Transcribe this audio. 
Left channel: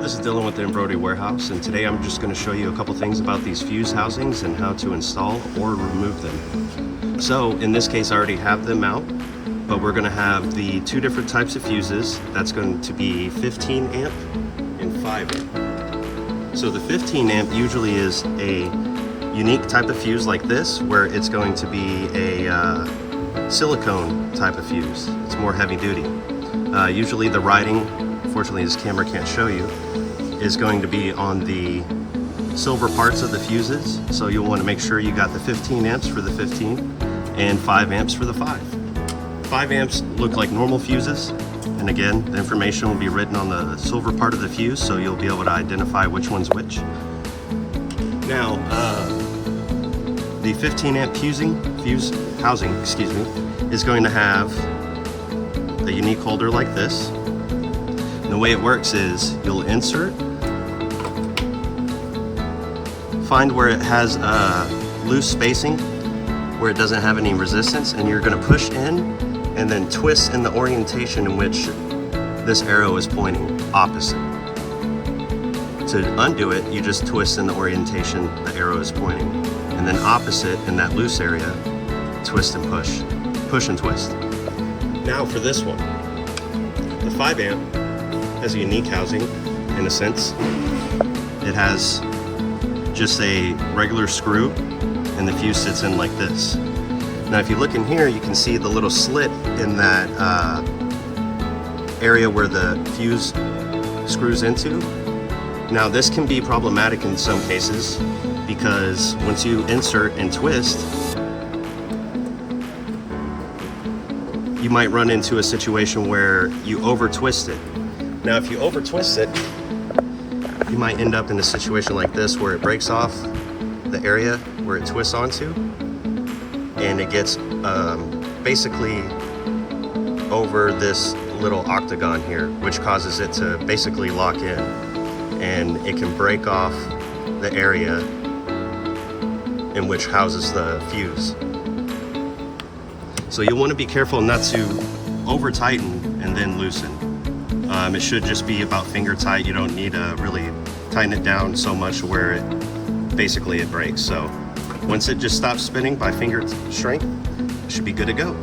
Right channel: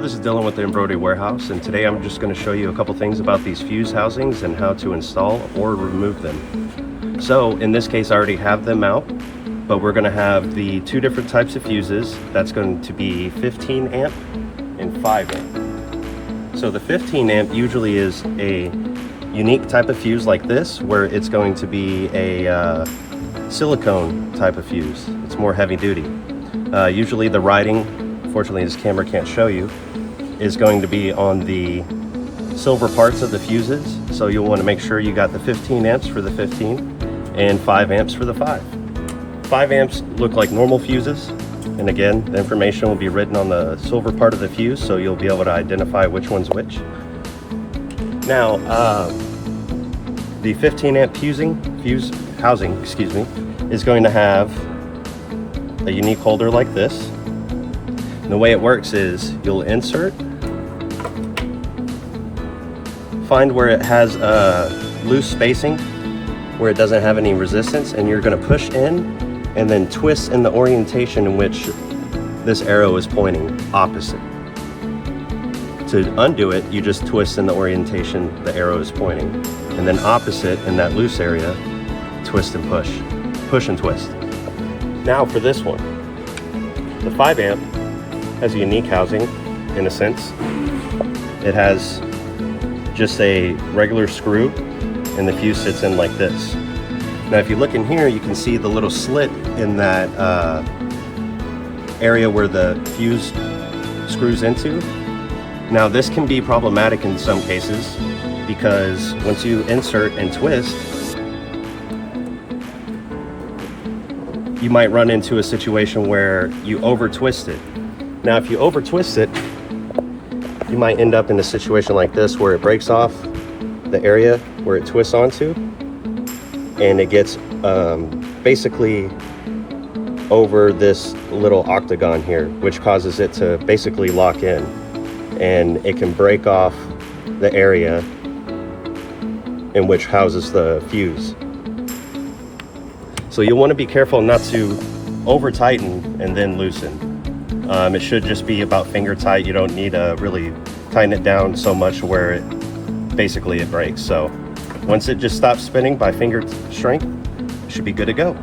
This is Dylan with the Embroidery Warehouse, and today I'm just going to show you a couple things about these fuse housings and how to install or remove them. So in this case I already have them out, but we're going to have the two different types of fuses. That's going to be 15 amp and 5 amp. So the 15 amp usually is a unique type of fuse like this, where it's going to be a silicone type of fuse. It's more heavy duty. Usually the writing, unfortunately this camera can't show you, is going to be on the silver parts of the fuses. So you'll want to make sure you got the 15 amps for the 15 and 5 amps for the 5. 5 amps look like normal fuses, and again the information will be written on the silver part of the fuse, so you'll be able to identify which one's which. Now the 15 amp fuse housing is going to have a unique holder like this. And the way it works is you'll insert, find where it has a loose spacing where it doesn't have any resistance, and you're going to push in and then twist in the orientation in which this arrow is pointing opposite. To undo it, you just twist in the orientation the arrow is pointing, and then opposite in that loose area, twist and push and twist. Now for this one, the 5 amp has a unique housing in a sense. It has just a regular screw and the fuse sits in like this. Now if you look in here, you can see the little slit in that area where the fuse screws into. Now this can be problematic in some cases, because once you insert and twist, you might run into a situation where you over twist it. Now if you over twist it, you might end up in a situation like this where it breaks off the area where it twists onto, and it gets basically over this little octagon here, which causes it to basically lock in, and it can break off the area in which houses the fuse. So you'll want to be careful not to over tighten and then loosen. It should just be about finger tight. You don't need to really tighten it down so much where it basically breaks. So once it just stops spinning by finger strength, it should be good to go.